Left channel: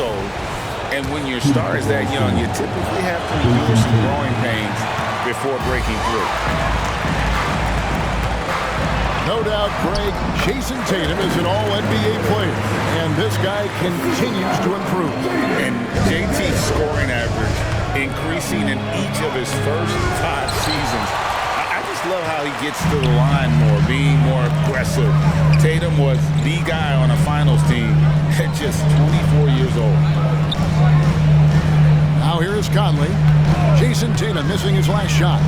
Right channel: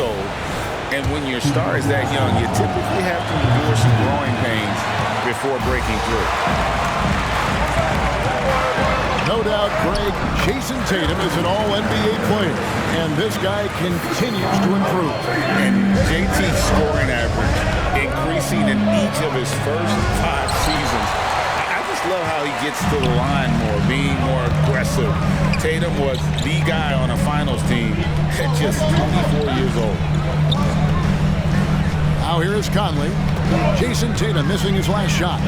old. And when your star is that young, you typically have to endure some growing pains before breaking through. No doubt, Greg, Jason Tatum is an all-NBA player, and this guy continues to improve. And JT's scoring average increasing in each of his first 5 seasons. I just love how he gets to the line more, being more aggressive. Tatum was the guy on a finals team at just 24 years old. Now here is Conley. Jason Tatum missing his last shot.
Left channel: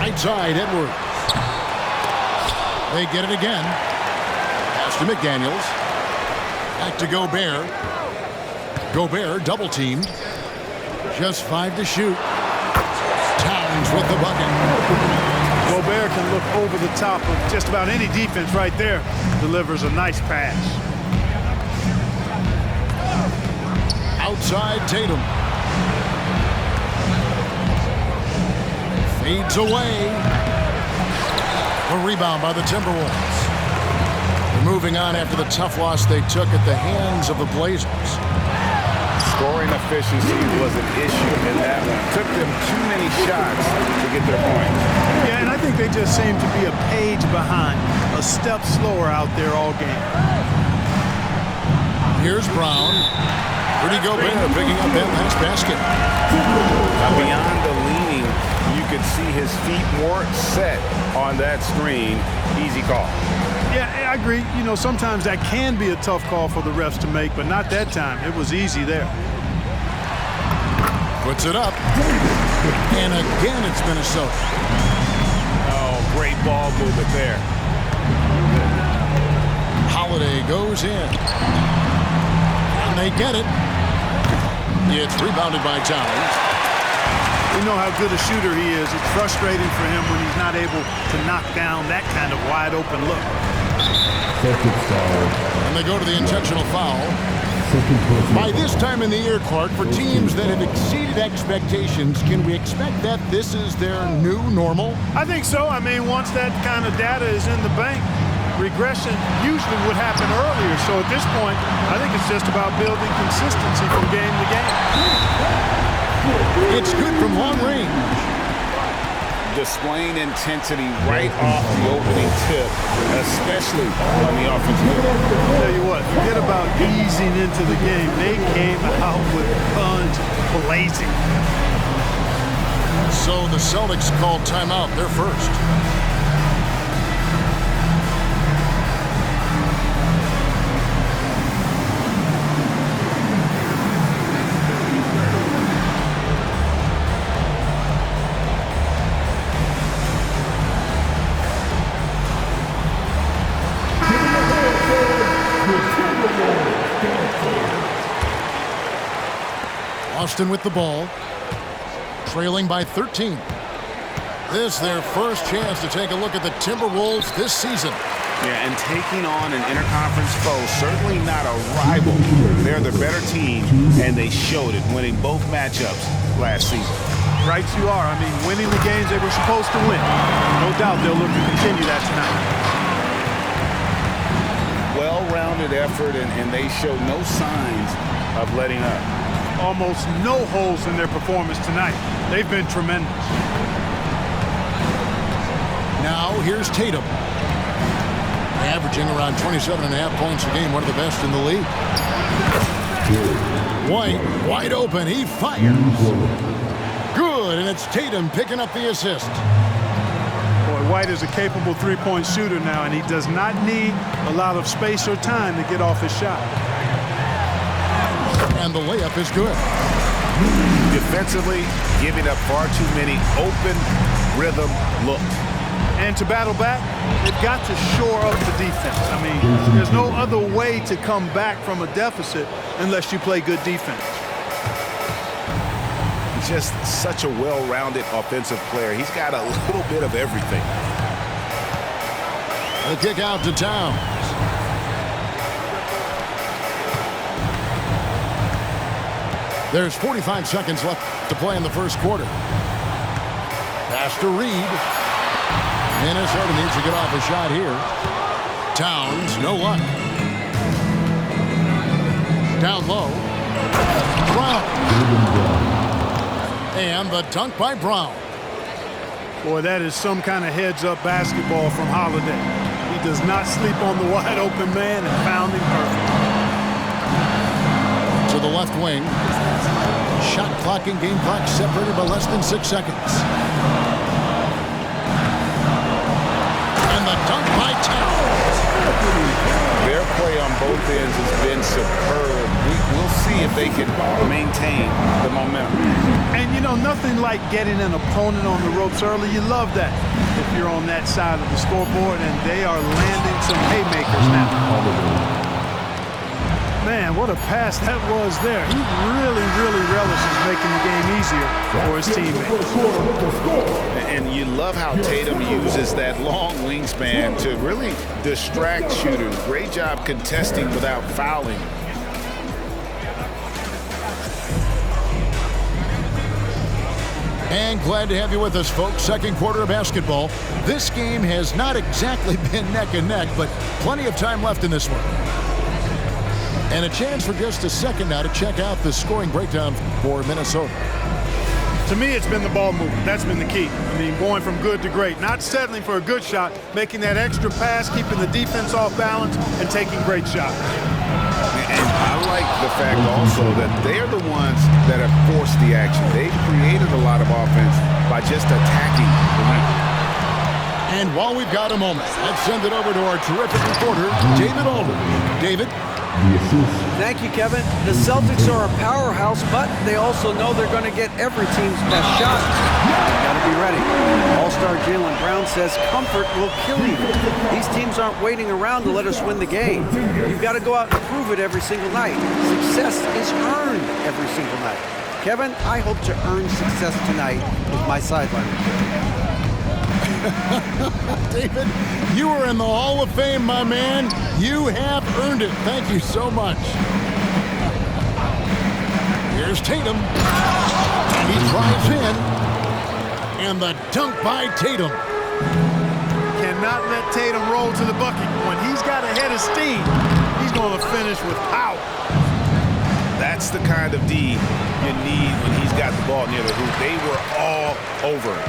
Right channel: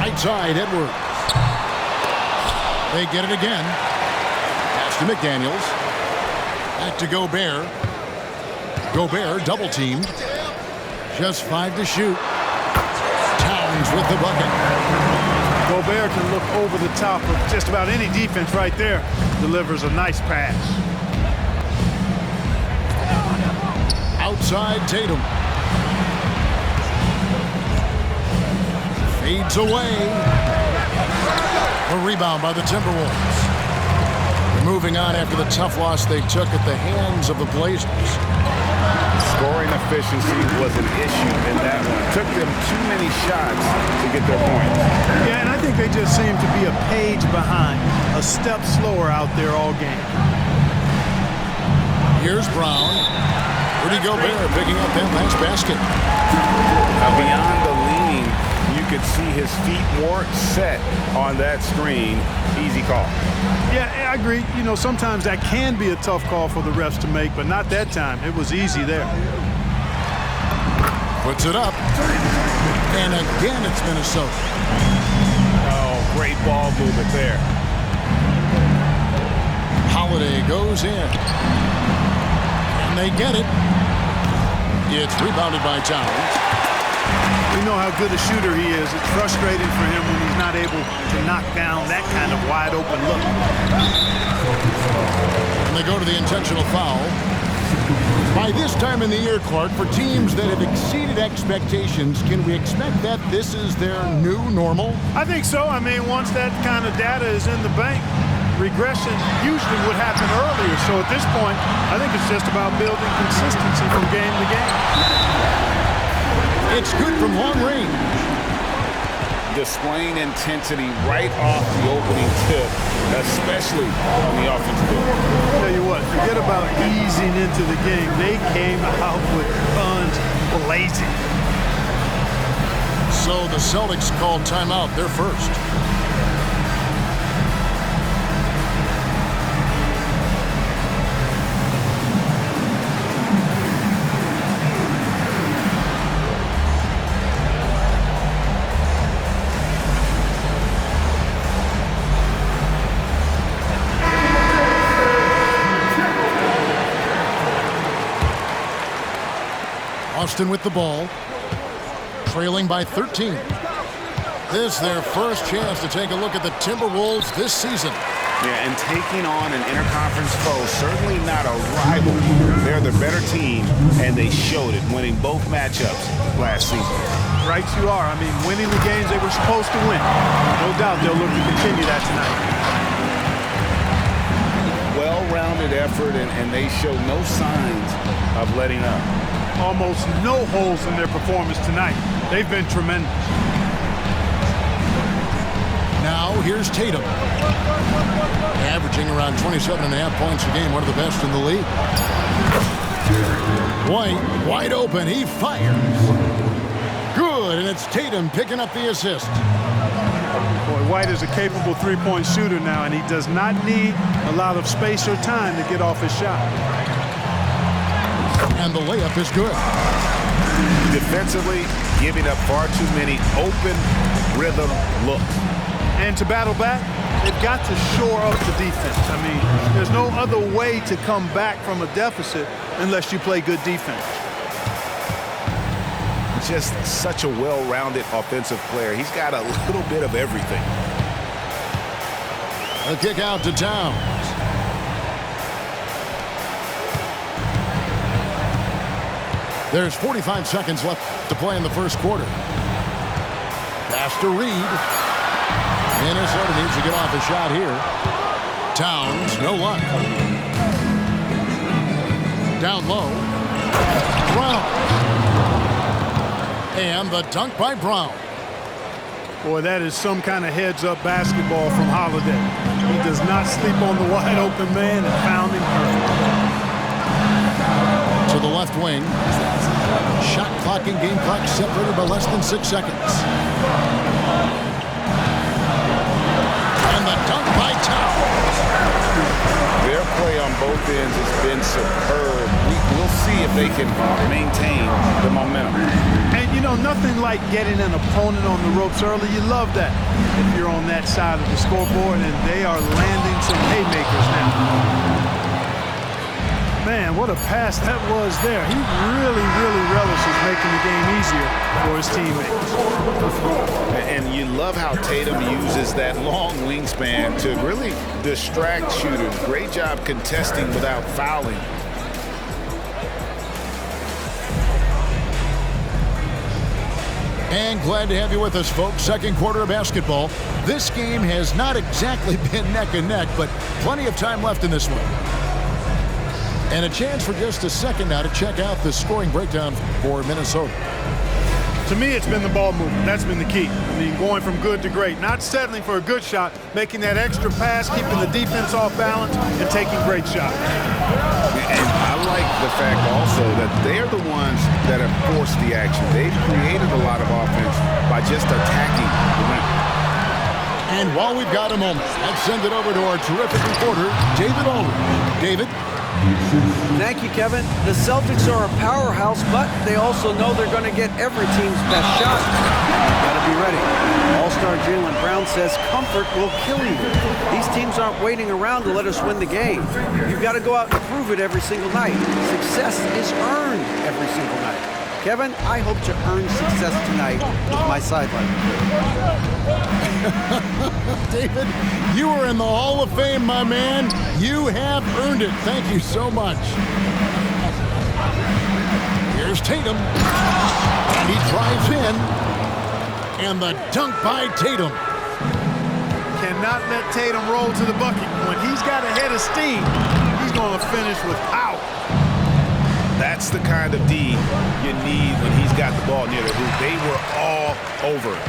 Right side, Edwards. They get it again. Pass to McDaniels. Back to Gobert. Gobert double teamed. Just 5 to shoot. Towns with the bucket. Gobert can look over the top of just about any defense right there. Delivers a nice pass. Outside Tatum. Fades away. A rebound by the Timberwolves. They're moving on after the tough loss they took at the hands of the Blazers. Scoring efficiency was an issue in that one. Took them too many shots to get their points. Yeah, and I think they just seem to be a page behind, a step slower out there all game. Here's Brown. Rudy Gobert picking up that last basket. Beyond the leaning, you could see his feet more set on that screen. Easy call. Yeah, I agree. You know, sometimes that can be a tough call for the refs to make, but not that time. It was easy there. Puts it up. And again, it's Minnesota. Oh, great ball movement there. Holiday goes in. And they get it. It's rebounded by Towns. We know how good a shooter he is. It's frustrating for him when he's not able to knock down that kind of wide open look. And they go to the intentional foul. By this time in the year, Clark, for teams that have exceeded expectations, can we expect that this is their new normal? I think so. I mean, once that kind of data is in the bank, regression usually would happen earlier. So at this point, I think it's just about building consistency from game to game. It's good from long range. Displaying intensity right off the opening tip, especially on the offensive end. Tell you what, forget about easing into the game. They came out with guns blazing. So the Celtics called timeout. They're first. Austin with the ball, trailing by 13. This their first chance to take a look at the Timberwolves this season. Yeah, and taking on an interconference foe, certainly not a rival. They're the better team, and they showed it, winning both matchups last season. Right you are. I mean, winning the games they were supposed to win. No doubt they'll look to continue that tonight. Well-rounded effort, and they show no signs of letting up. Almost no holes in their performance tonight. They've been tremendous. Now here's Tatum. Averaging around 27.5 points a game, one of the best in the league. White, wide open, he fires. Good, and it's Tatum picking up the assist. Boy, White is a capable three-point shooter now, and he does not need a lot of space or time to get off his shot. And the layup is good. Defensively, giving up far too many open rhythm looks. And to battle back, they've got to shore up the defense. I mean, there's no other way to come back from a deficit unless you play good defense. Just such a well-rounded offensive player. He's got a little bit of everything. The kick out to Towns. There's 45 seconds left to play in the first quarter. Pass to Reed. Minnesota needs to get off a shot here. Towns, no luck. Down low. Brown. And the dunk by Brown. Boy, that is some kind of heads-up basketball from Holiday. He does not sleep on the wide-open man and found him perfect. To the left wing. Shot clock and game clock separated by less than 6 seconds. And the dunk by Towns. Their play on both ends has been superb. We'll see if they can maintain the momentum. And, you know, nothing like getting an opponent on the ropes early. You love that if you're on that side of the scoreboard, and they are landing some haymakers now. Man, what a pass that was there. He really, really relishes making the game easier for his teammates. And you love how Tatum uses that long wingspan to really distract shooters. Great job contesting without fouling. And glad to have you with us, folks. Second quarter of basketball. This game has not exactly been neck and neck, but plenty of time left in this one. And a chance for just a second now to check out the scoring breakdown for Minnesota. To me, it's been the ball movement. That's been the key. I mean, going from good to great. Not settling for a good shot, making that extra pass, keeping the defense off balance, and taking great shots. And I like the fact also that they're the ones that have forced the action. They've created a lot of offense by just attacking the rim. And while we've got a moment, let's send it over to our terrific reporter, David Aldridge. David? Thank you, Kevin. The Celtics are a powerhouse, but they also know they're going to get every team's best shot. You've got to be ready. All-star Jaylen Brown says comfort will kill you. These teams aren't waiting around to let us win the game. You've got to go out and prove it every single night. Success is earned every single night. Kevin, I hope to earn success tonight with my sideline report. David, you are in the Hall of Fame, my man. You have earned it. Thank you so much. Here's Tatum. And he drives in. And the dunk by Tatum. Cannot let Tatum roll to the bucket. When he's got a head of steam, he's going to finish with power. That's the kind of D you need when he's got the ball near the hoop. They were all over it.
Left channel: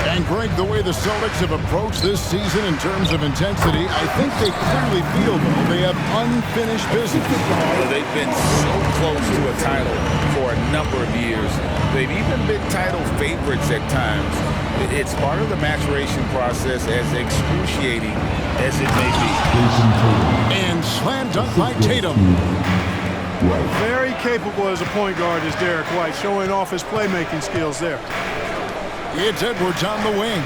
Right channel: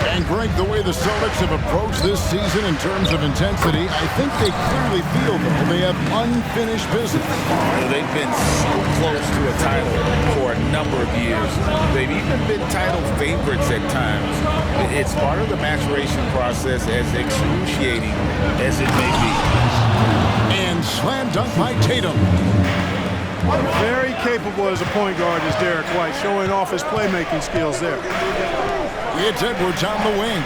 And Greg, the way the Celtics have approached this season in terms of intensity, I think they clearly feel, though, they have unfinished business. They've been so close to a title for a number of years. They've even been title favorites at times. It's part of the maturation process, as excruciating as it may be. And slam dunk by Tatum. Very capable as a point guard is Derek White, showing off his playmaking skills there. It's Edwards on the wing.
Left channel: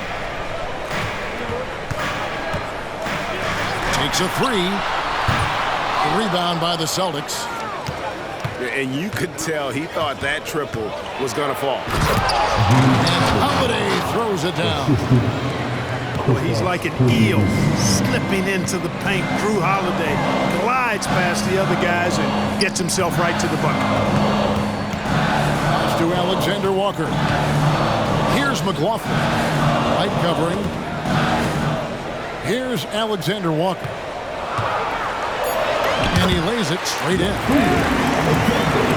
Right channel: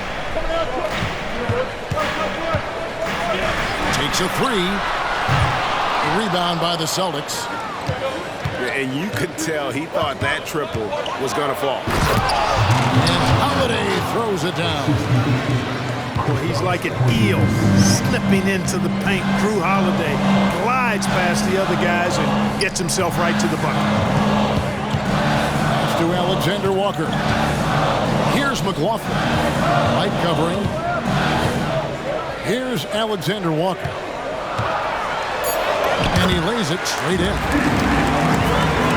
Takes a three. A rebound by the Celtics. And you could tell he thought that triple was going to fall. And Holiday throws it down. Well, he's like an eel slipping into the paint. Drew Holiday glides past the other guys and gets himself right to the bucket. Pass to Alexander Walker. Here's McLaughlin. Light covering. Here's Alexander Walker. And he lays it straight in.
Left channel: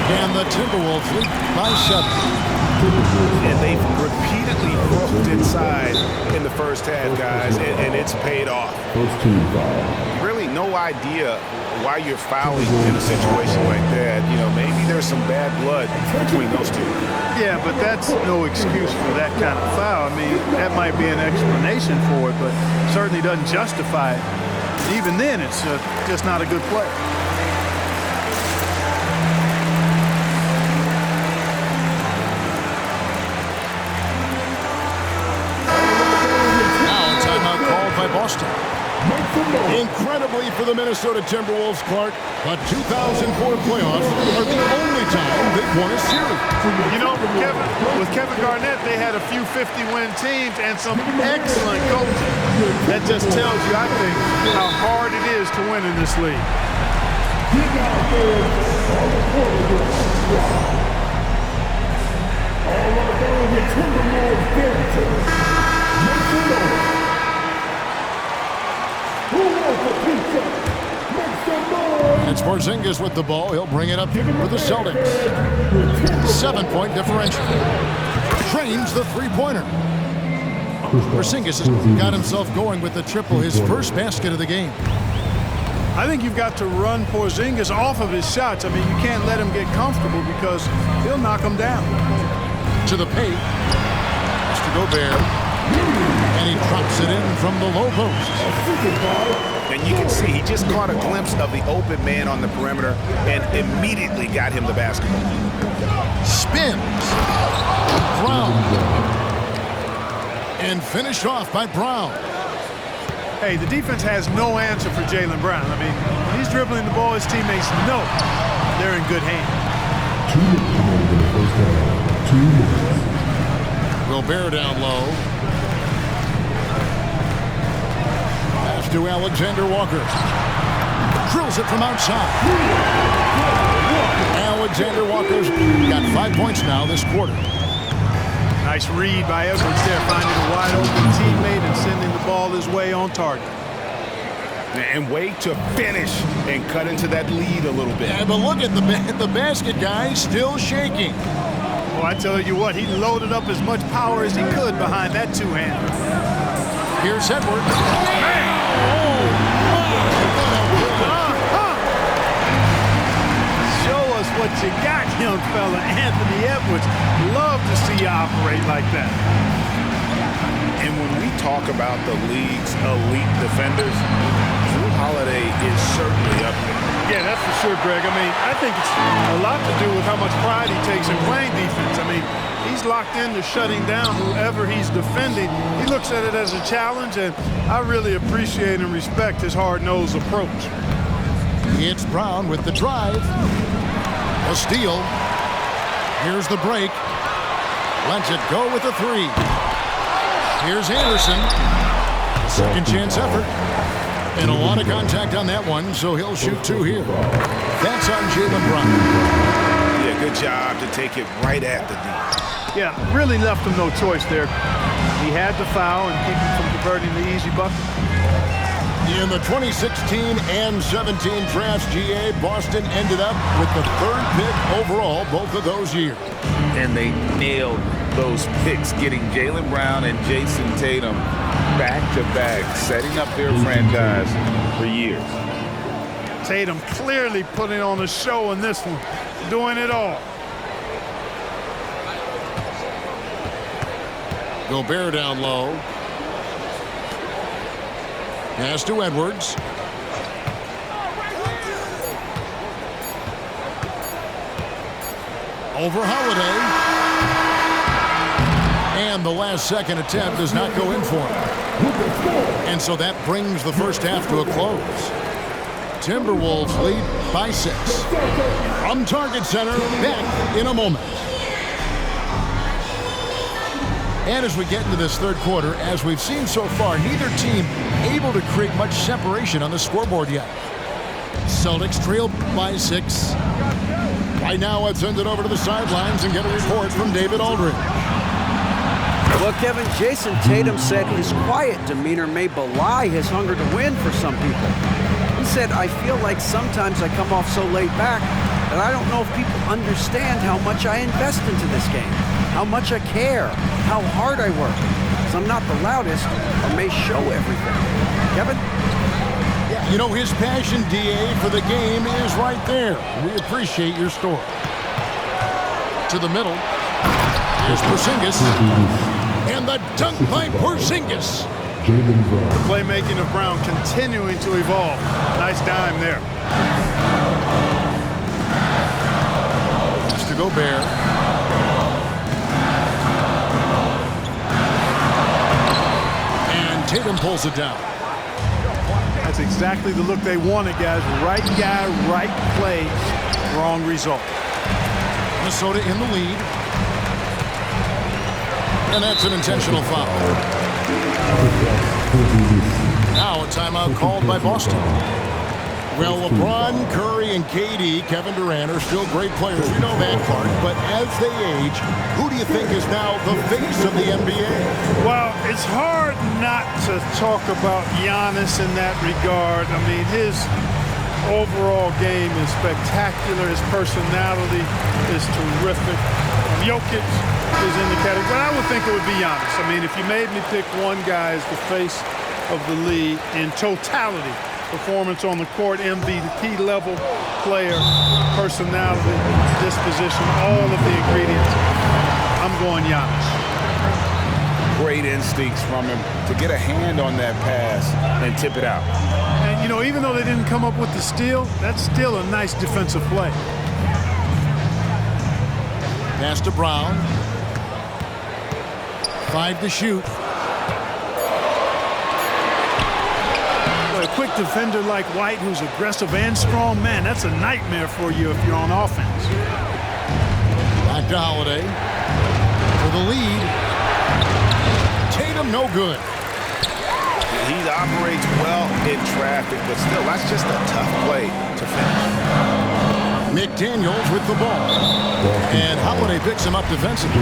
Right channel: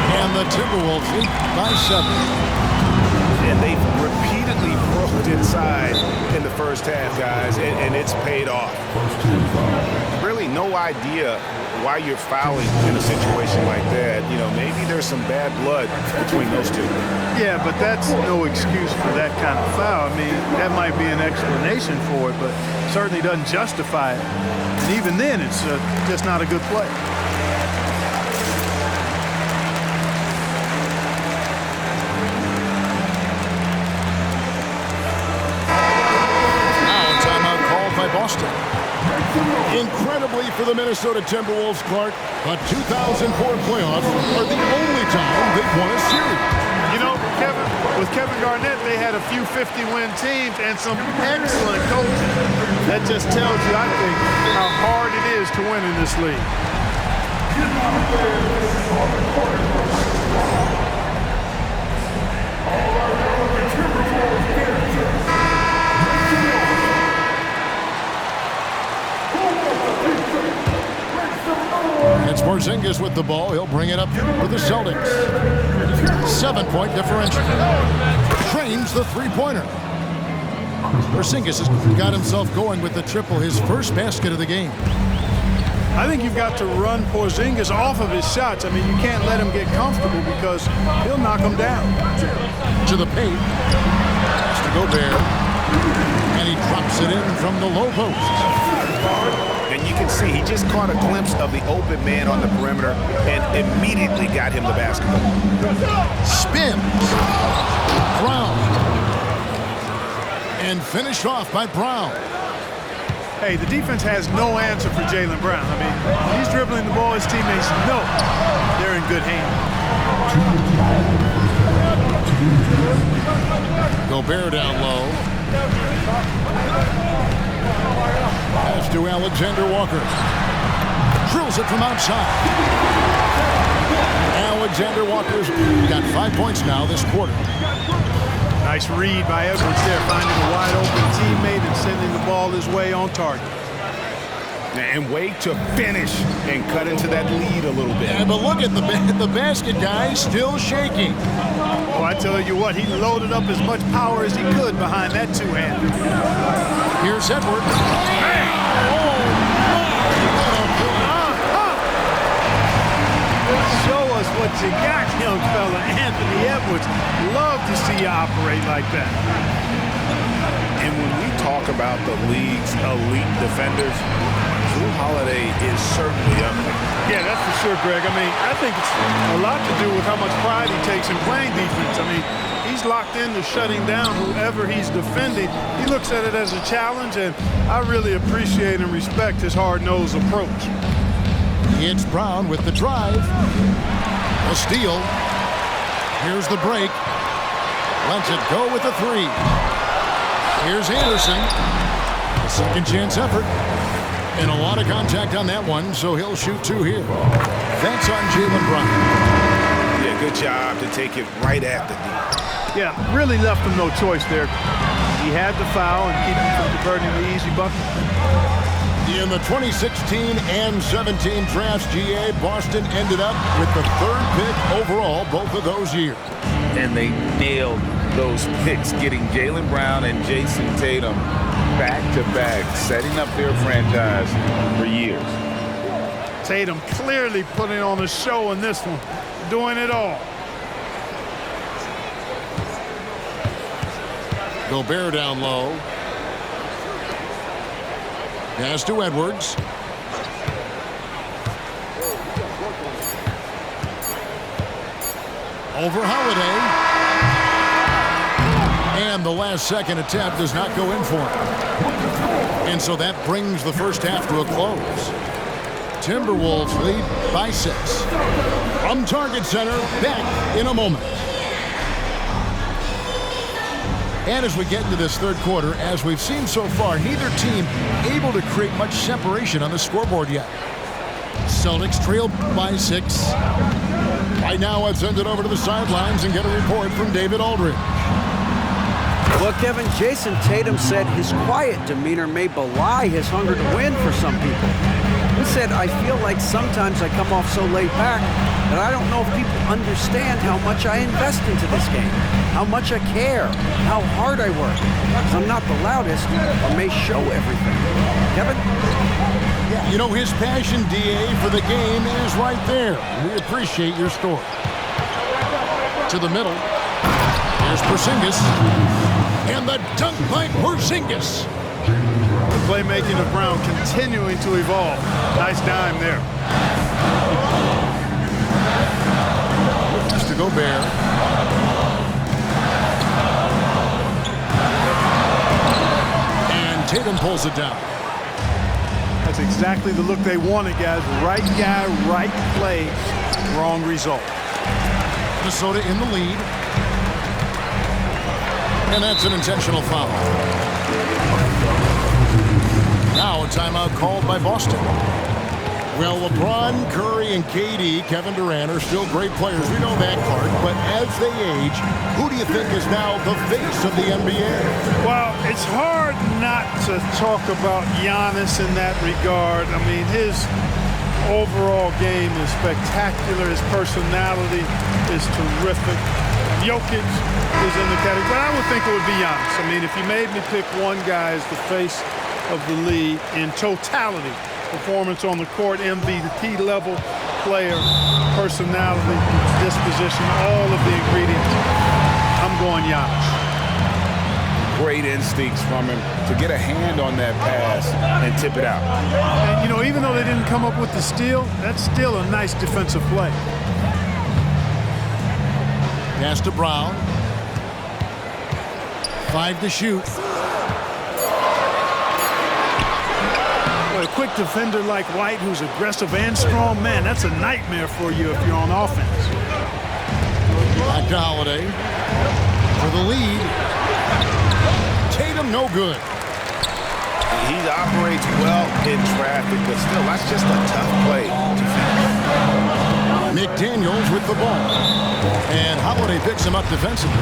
And the Timberwolves lead by 7. And they've repeatedly broke inside in the first half, guys, and it's paid off. Really no idea why you're fouling in a situation like that. You know, maybe there's some bad blood between those two. Yeah, but that's no excuse for that kind of foul. I mean, that might be an explanation for it, but certainly doesn't justify it. And even then, it's just not a good play. Now a timeout called by Boston. Incredibly for the Minnesota Timberwolves, Clark, but 2004 playoffs are the only time they've won a series. You know, with Kevin Garnett, they had a few 50-win teams and some excellent coaching. That just tells you, I think, how hard it is to win in this league. And Sports Porzingis with the ball. He'll bring it up for the Celtics. 7-point differential. Trains the three-pointer. Porzingis has got himself going with the triple, his first basket of the game. I think you've got to run Porzingis off of his shots. I mean, you can't let him get comfortable because he'll knock him down. To the paint. Has to Gobert. And he drops it in from the low post. And you can see he just caught a glimpse of the open man on the perimeter and immediately got him the basketball. Spins. Brown. And finished off by Brown. Hey, the defense has no answer for Jaylen Brown. I mean, when he's dribbling the ball, his teammates know they're in good hands. Gobert down low. Pass to Alexander Walker. Drills it from outside. Alexander Walker's got 5 points now this quarter. Nice read by Edwards there, finding a wide open teammate and sending the ball his way on target. And wait to finish and cut into that lead a little bit. Yeah, but look at the basket guy still shaking. Oh, I tell you what, he loaded up as much power as he could behind that two-hander. Here's Edwards. Show us what you got, young fella. Anthony Edwards. Love to see you operate like that. And when we talk about the league's elite defenders, Jrue Holiday is certainly up there. Yeah, that's for sure, Greg. I mean, I think it's a lot to do with how much pride he takes in playing defense. I mean, he's locked into shutting down whoever he's defending. He looks at it as a challenge, and I really appreciate and respect his hard-nosed approach. It's Brown with the drive. A steal. Here's the break. Lets it go with the three. Here's Anderson. A second chance effort. And a lot of contact on that one, so he'll shoot two here. That's on Jaylen Brown. Yeah, good job to take it right at the D. Yeah, really left him no choice there. He had to foul and keep him from converting the easy bucket. In the 2016 and 17 drafts, GA, Boston ended up with the third pick overall both of those years. And they nailed those picks, getting Jaylen Brown and Jason Tatum back-to-back, setting up their franchise for years. Tatum clearly putting on a show in this one, doing it all. Gobert down low. Pass to Edwards. Over Holiday. And the last second attempt does not go in for him. And so that brings the first half to a close. Timberwolves lead by 6. From Target Center, back in a moment. And as we get into this third quarter, as we've seen so far, neither team able to create much separation on the scoreboard yet. Celtics trail by 6. Right now, let's send it over to the sidelines and get a report from David Aldridge. Well, Kevin, Jason Tatum said his quiet demeanor may belie his hunger to win for some people. He said, I feel like sometimes I come off so laid back that I don't know if people understand how much I invest into this game, how much I care, how hard I work, because I'm not the loudest or may show everything. Kevin? Yeah, you know, his passion, DA, for the game is right there. We appreciate your story. To the middle. Here's Porzingis. And the dunk by Porzingis. The playmaking of Brown continuing to evolve. Nice dime there. Has to Gobert. And Tatum pulls it down. That's exactly the look they wanted, guys. Right guy, right play, wrong result. Minnesota in the lead. And that's an intentional foul. Now a timeout called by Boston. Well, LeBron, Curry, and KD, Kevin Durant, are still great players. We know that part. But as they age, who do you think is now the face of the NBA? Well, it's hard not to talk about Giannis in that regard. I mean, his overall game is spectacular. His personality is terrific. Jokic is in the category, but I would think it would be Giannis. I mean, if you made me pick one guy as the face of the league in totality, performance on the court, MVP level player, personality, disposition, all of the ingredients, I'm going Giannis. Great instincts from him to get a hand on that pass and tip it out. And, you know, even though they didn't come up with the steal, that's still a nice defensive play. Pass to Brown. 5 to shoot. Boy, a quick defender like White, who's aggressive and strong, man, that's a nightmare for you if you're on offense. Back to Holiday. For the lead. Tatum, no good. He operates well in traffic, but still, that's just a tough play to finish. McDaniels with the ball. And Holiday picks him up defensively.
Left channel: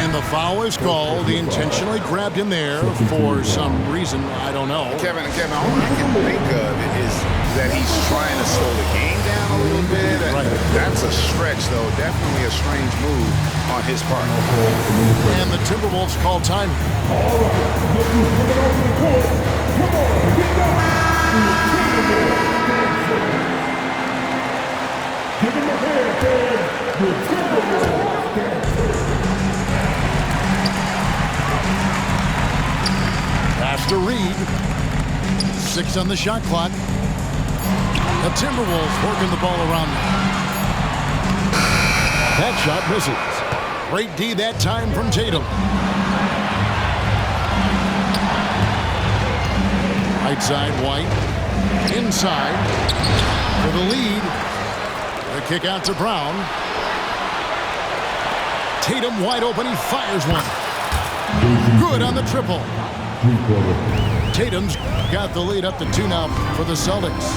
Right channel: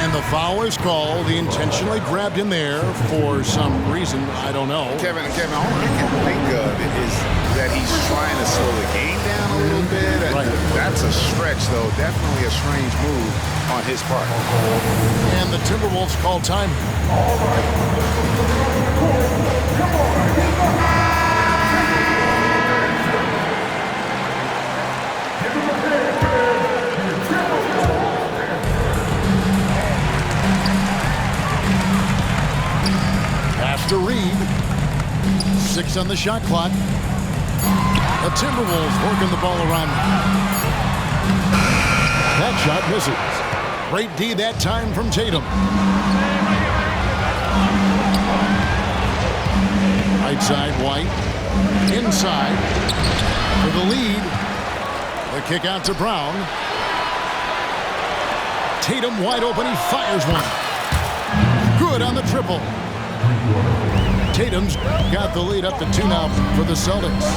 And the foul is called. He intentionally grabbed him there for some reason. I don't know. Kevin, all I can think of is that he's trying to slow the game down a little bit. Right. That's a stretch, though. Definitely a strange move on his part. And the Timberwolves call time. All right, let's move to the court. Come on, get behind. Give him a hand, man. You're terrible. Pass to Reed. 6 on the shot clock. The Timberwolves working the ball around. That shot misses. Great D that time from Tatum. Right side, White. Inside. For the lead. The kick out to Brown. Tatum wide open. He fires one. Good on the triple. Tatum's got the lead up to 2 now for the Celtics.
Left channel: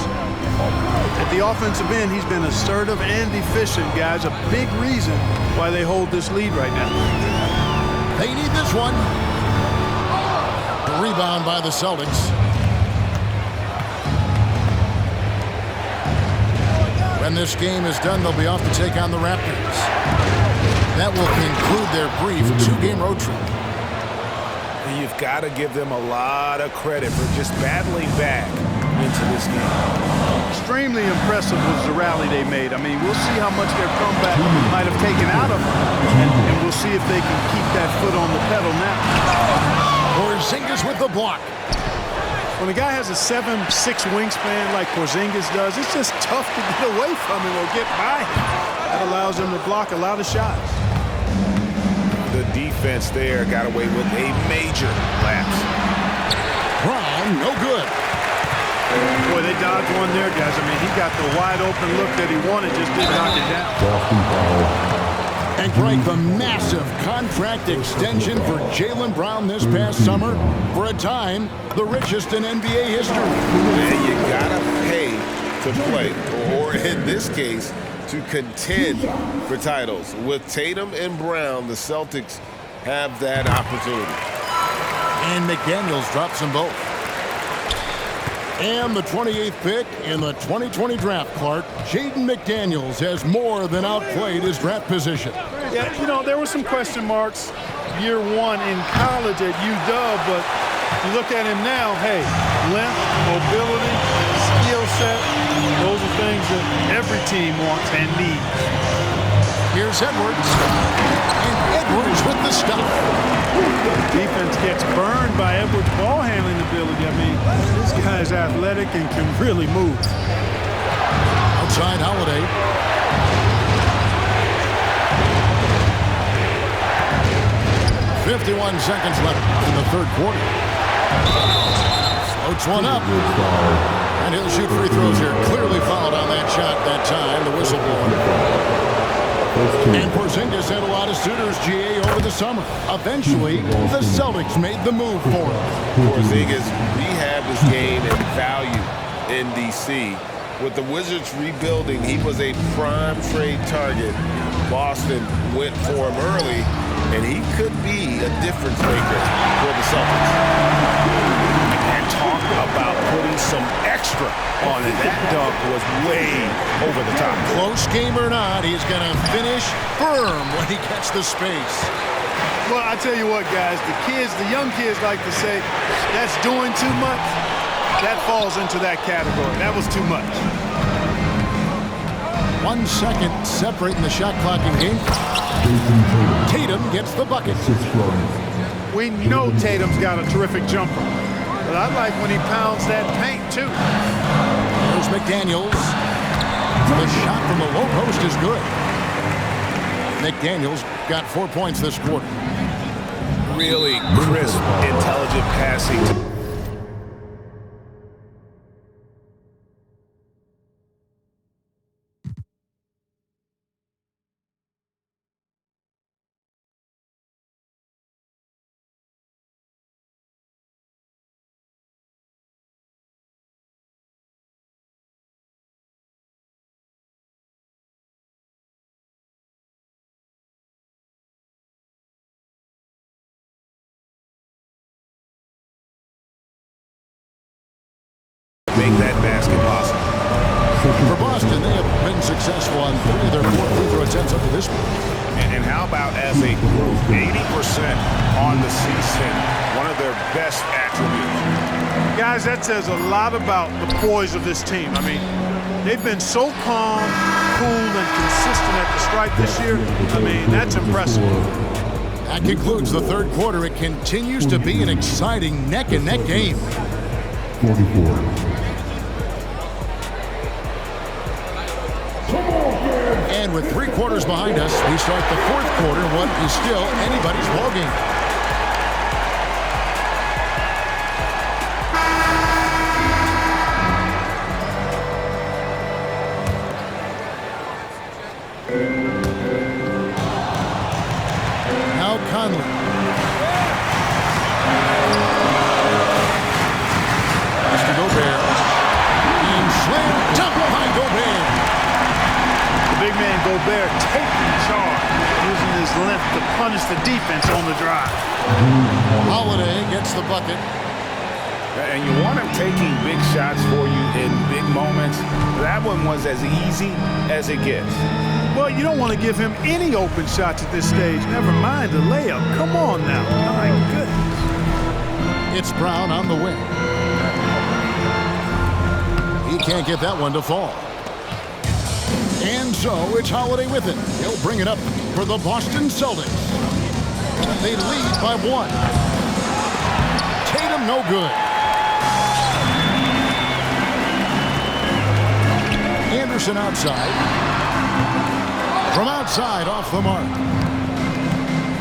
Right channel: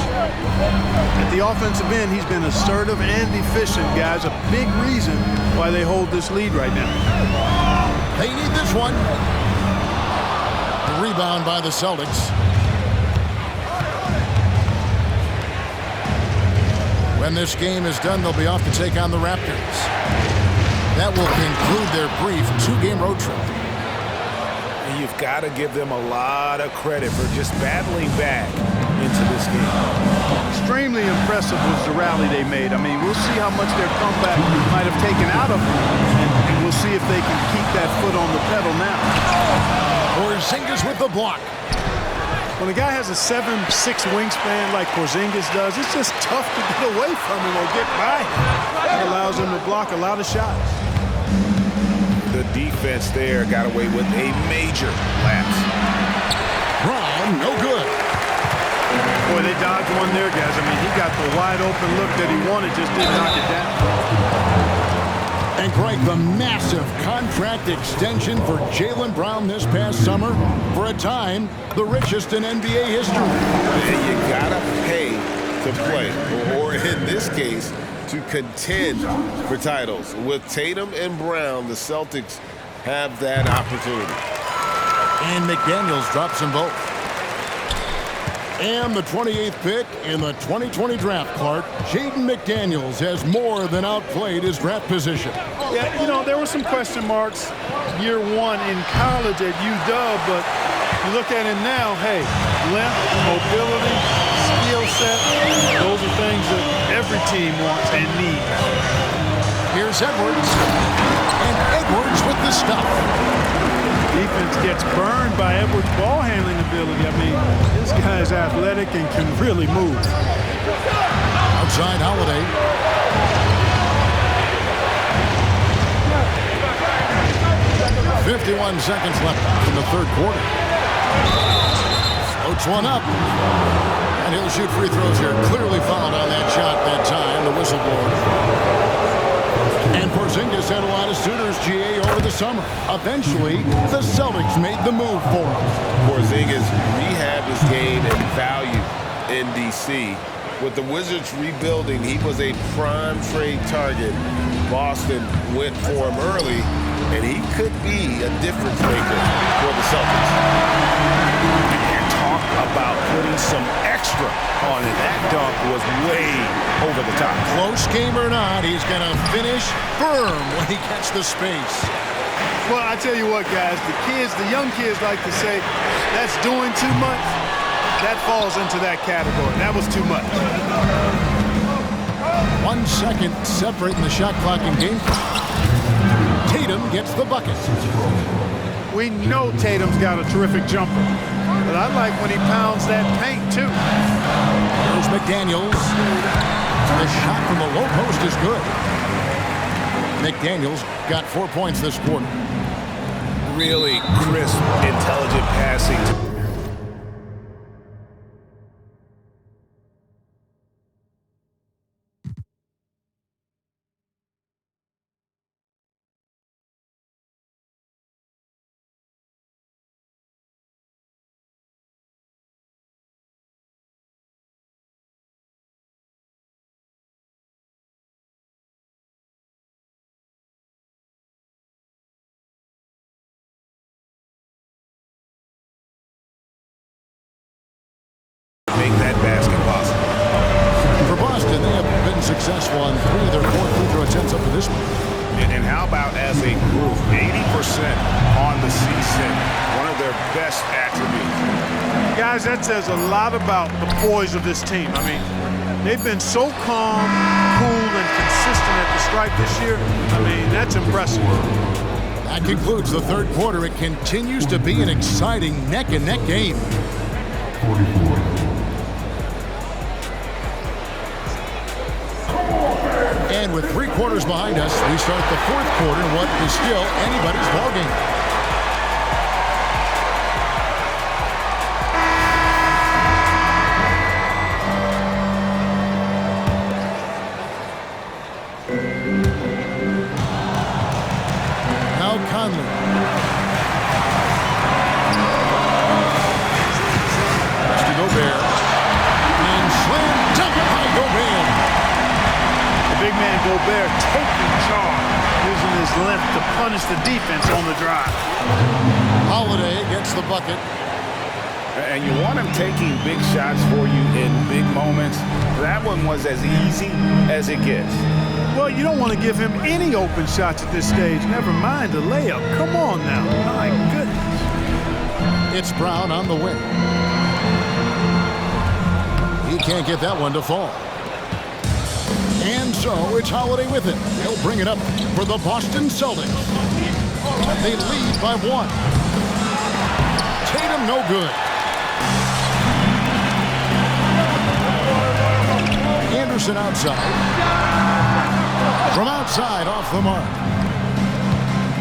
At the offensive end, he's been assertive and efficient, guys. A big reason why they hold this lead right now. They need this one. The rebound by the Celtics. When this game is done, they'll be off to take on the Raptors. That will conclude their brief 2-game road trip. And you've got to give them a lot of credit for just battling back into this game. Extremely impressive was the rally they made. I mean, we'll see how much their comeback might have taken out of them, and we'll see if they can keep that foot on the pedal now. Porzingis with the block. When a guy has a 7'6" wingspan like Porzingis does, it's just tough to get away from him or get by him. That allows him to block a lot of shots. The defense there got away with a major lapse. Brown, no good. Boy, they dodged one there, guys. I mean, he got the wide open look that he wanted, just didn't knock it down. And Greg, the massive contract extension for Jaylen Brown this past summer. For a time, the richest in NBA history. And you gotta pay to play, or in this case, to contend for titles. With Tatum and Brown, the Celtics have that opportunity. And McDaniels drops them both. And the 28th pick in the 2020 draft, Clark, Jaden McDaniels has more than outplayed his draft position. Yeah, you know, there were some question marks year one in college at UW, but you look at him now, hey, length, mobility, skill set, those are things that every team wants and needs. Here's Edwards. And Edwards with the stuff. Defense gets burned by Edwards' ball handling ability. I mean, this guy is athletic and can really move. Outside Holiday. "51 seconds left in the third quarter. Floats one up. And he'll shoot free throws here. Clearly fouled on that shot that time, the whistleblower. And Porzingis had a lot of suitors, GA, over the summer. Eventually, the Celtics made the move for him. Porzingis rehabbed his game and value in D.C. With the Wizards rebuilding, he was a prime trade target. Boston went for him early, and he could be a difference maker for the Celtics. And talk about putting some extra on it. That dunk was way over the top. Close game or not, he's going to finish firm when he gets the space. Well, I tell you what, guys, the young kids like to say, that's doing too much. That falls into that category. That was too much. 1 second separating the shot clock and game clock. Tatum gets the bucket. We know Tatum's got a terrific jumper, but I like when he pounds that paint, too. Here's McDaniels. The shot from the low post is good. McDaniels got 4 points this quarter. Really crisp, intelligent passing. Make that basket possible. For Boston, they have been successful on 3 of their 4 free throw attempts up to this point. And how about as a group, 80% on the season, one of their best attributes. Guys, that says a lot about the poise of this team. I mean, they've been so calm, cool, and consistent at the stripe this year. I mean, that's impressive. That concludes the third quarter. It continues to be an exciting neck-and-neck game. 44. And with 3 quarters behind us, we start the fourth quarter in what is still anybody's ballgame. Now Conley. Pass to Gobert. And slam dunk by Gobert. Big man Gobert taking charge, using his length to punish the defense on the drive. Holiday gets the bucket. And you want him taking big shots for you in big moments. That one was as easy as it gets. Well, you don't want to give him any open shots at this stage. Never mind the layup. Come on now. My goodness. It's Brown on the wing. He can't get that one to fall. And so it's Holiday with it. He'll bring it up for the Boston Celtics. They lead by 1. Tatum no good. Anderson outside. From outside off the mark.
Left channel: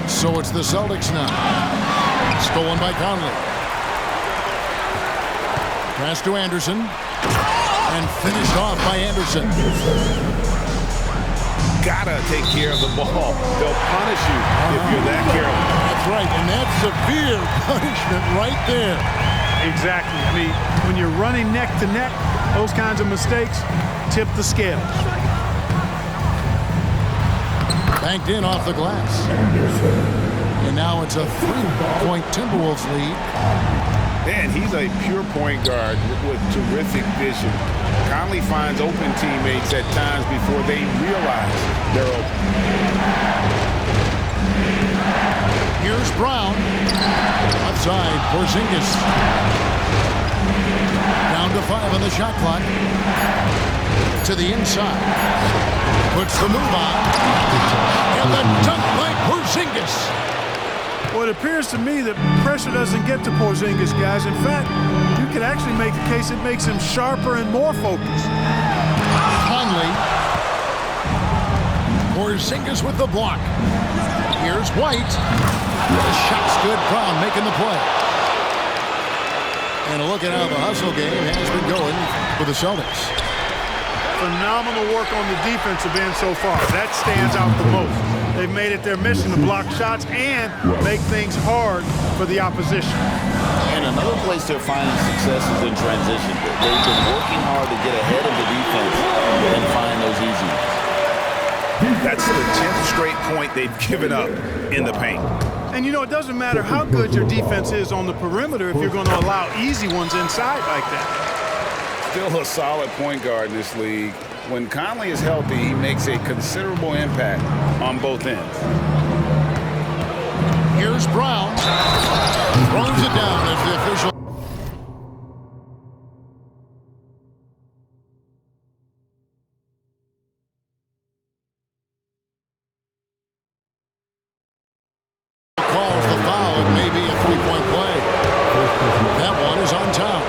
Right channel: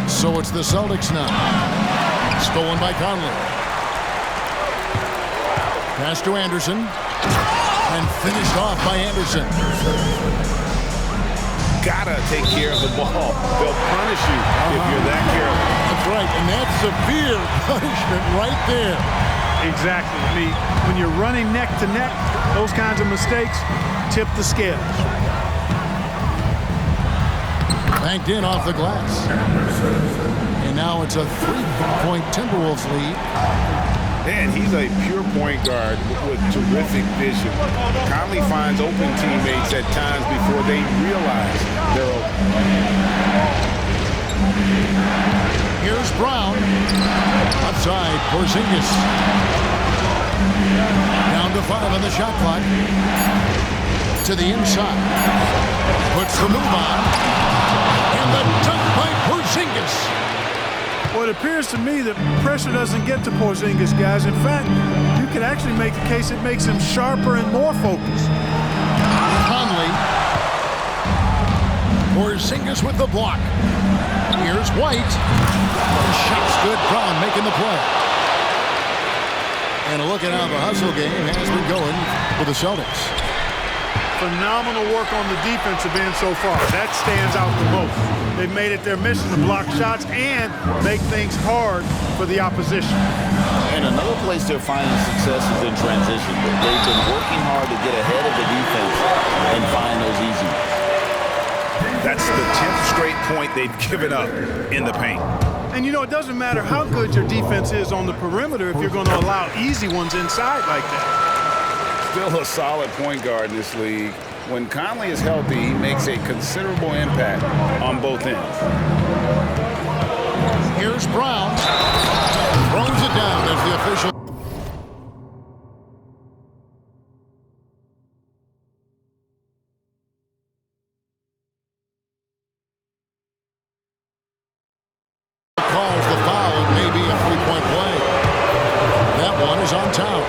So it's the Celtics now. Stolen by Conley. Pass to Anderson. And finished off by Anderson. Gotta take care of the ball. They'll punish you if you're that careless. That's right, and that's severe punishment right there. Exactly. I mean, when you're running neck to neck, those kinds of mistakes tip the scales. Banked in off the glass. And now it's a 3-point Timberwolves lead. And he's a pure point guard with terrific vision. Conley finds open teammates at times before they realize they're open. Here's Brown. Outside, Porzingis. Down to 5 on the shot clock. To the inside. Puts the move on. And the dunk by Porzingis. Well, it appears to me that pressure doesn't get to Porzingis, guys. In fact, you could actually make the case it makes him sharper and more focused. Conley. Porzingis with the block. Here's White. The shot's good. Brown making the play. And look at how the hustle game has been going for the Celtics. Phenomenal work on the defensive end so far. That stands out the most. They've made it their mission to block shots and make things hard for the opposition. And another place they're finding success is in transition. They've been working hard to get ahead of the defense and find those easy ones. That's the 10th straight point they've given up in the paint. And, you know, it doesn't matter how good your defense is on the perimeter if you're going to allow easy ones inside like that. Still a solid point guard in this league. When Conley is healthy, he makes a considerable impact on both ends. Here's Brown. Throws it down as the official. Calls the foul. It may be a three-point play. That one is on Towns.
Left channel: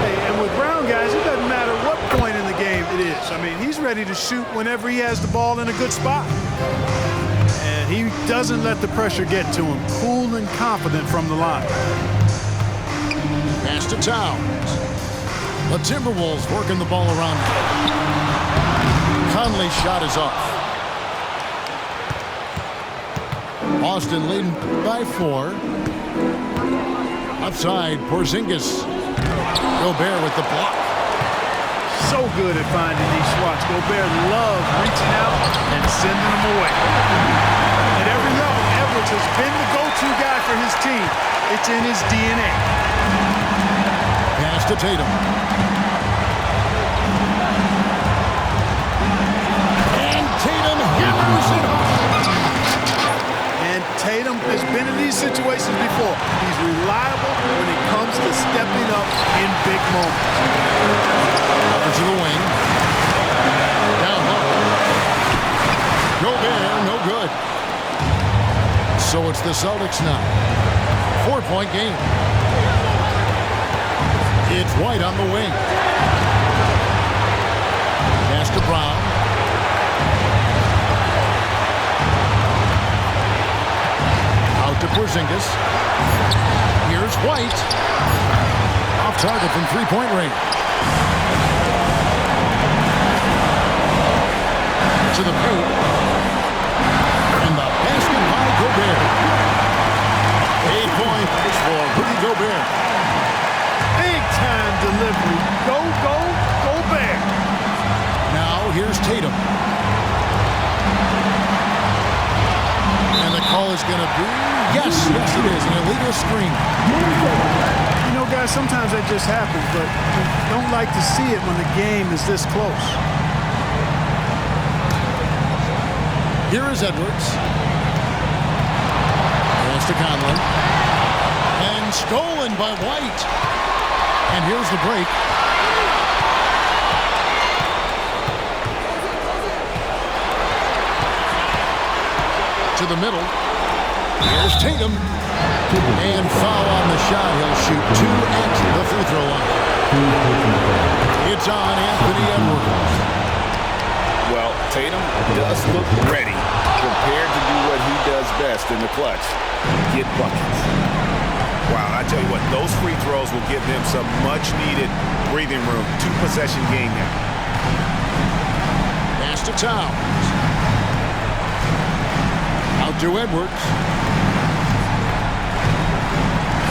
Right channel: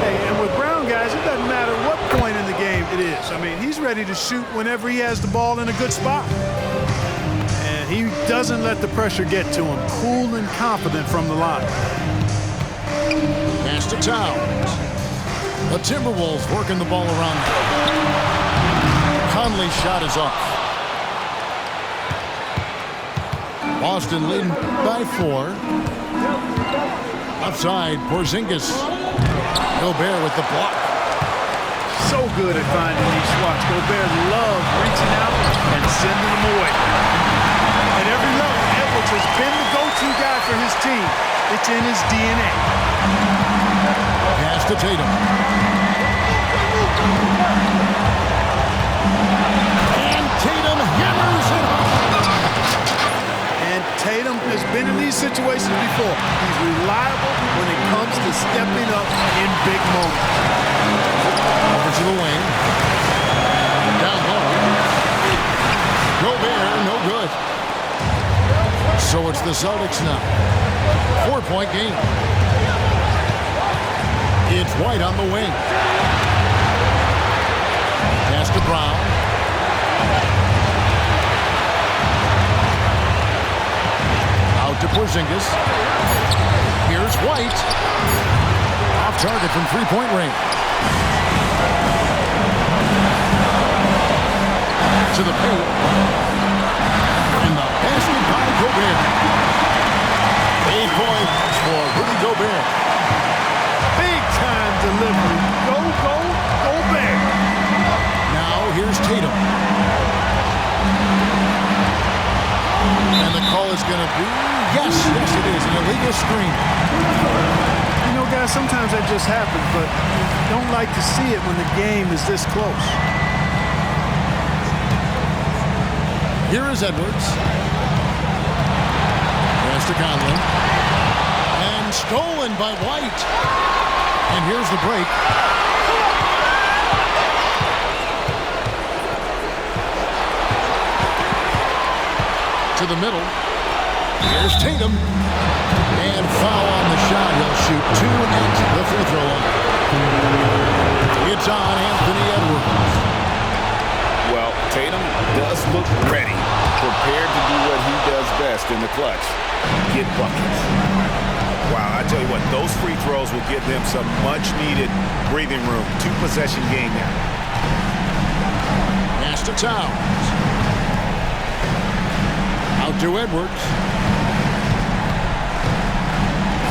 Hey, and with Brown, guys, it doesn't matter what point in the game it is. I mean, he's ready to shoot whenever he has the ball in a good spot. And he doesn't let the pressure get to him. Cool and confident from the line. Pass to Towns. The Timberwolves working the ball around. Conley's shot is off. Boston leading by 4. Outside, Porzingis. Gobert with the block. So good at finding these spots. Gobert loves reaching out and sending them away. At every level, Edwards has been the go-to guy for his team. It's in his DNA. Pass to Tatum. And Tatum hammers it home. And Tatum has been in these situations before. He's reliable when it comes to stepping up in big moments. Over to the wing. Down low. Gobert, no good. So it's the Celtics now. 4-point game. It's White on the wing. Pass to Brown. Out to Porzingis. Here's White. Off target from three-point range. To the paint. And the basket by Gobert. 8 points for Rudy Gobert. Big-time delivery. Go, go, Gobert. Now here's Tatum. And the call is going to be, yes, it is, an illegal screen. You know, guys, sometimes that just happens, but you don't like to see it when the game is this close. Here is Edwards. Pass to Conley. And stolen by White. And here's the break. To the middle. Here's Tatum. And foul on the shot. He'll shoot 2 at the free throw line. It's on Anthony Edwards. Well, Tatum does look ready, prepared to do what he does best in the clutch, get buckets. Wow, I tell you what, those free throws will give them some much-needed breathing room. 2-possession game now. Pass to Towns. Out to Edwards.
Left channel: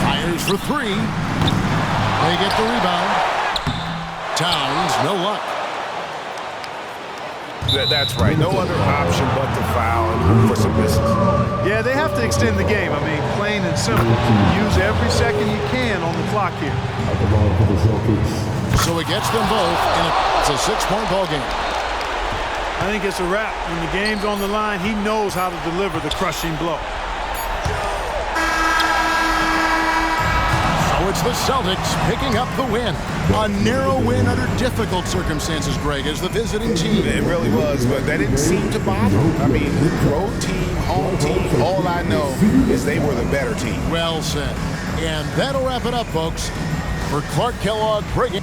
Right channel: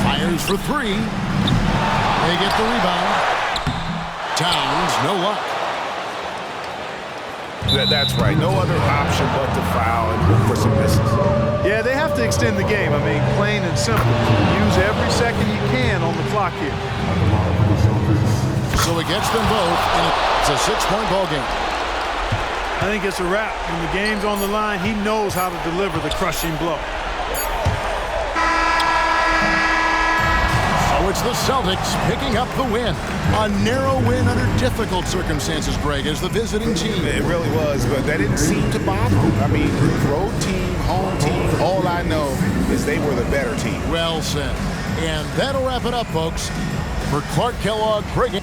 Fires for 3. They get the rebound. Towns, no luck. That's right. No other option but to foul and hope for some misses. Yeah, they have to extend the game. I mean, plain and simple. Use every second you can on the clock here. So it gets them both, and it's a 6-point ball game. I think it's a wrap. When the game's on the line, he knows how to deliver the crushing blow. So it's the Celtics picking up the win. A narrow win under difficult circumstances, Greg, as the visiting team. It really was, but that didn't seem to bother them. I mean, road team, home team, all I know is they were the better team. Well said. And that'll wrap it up, folks. For Clark Kellogg, Greg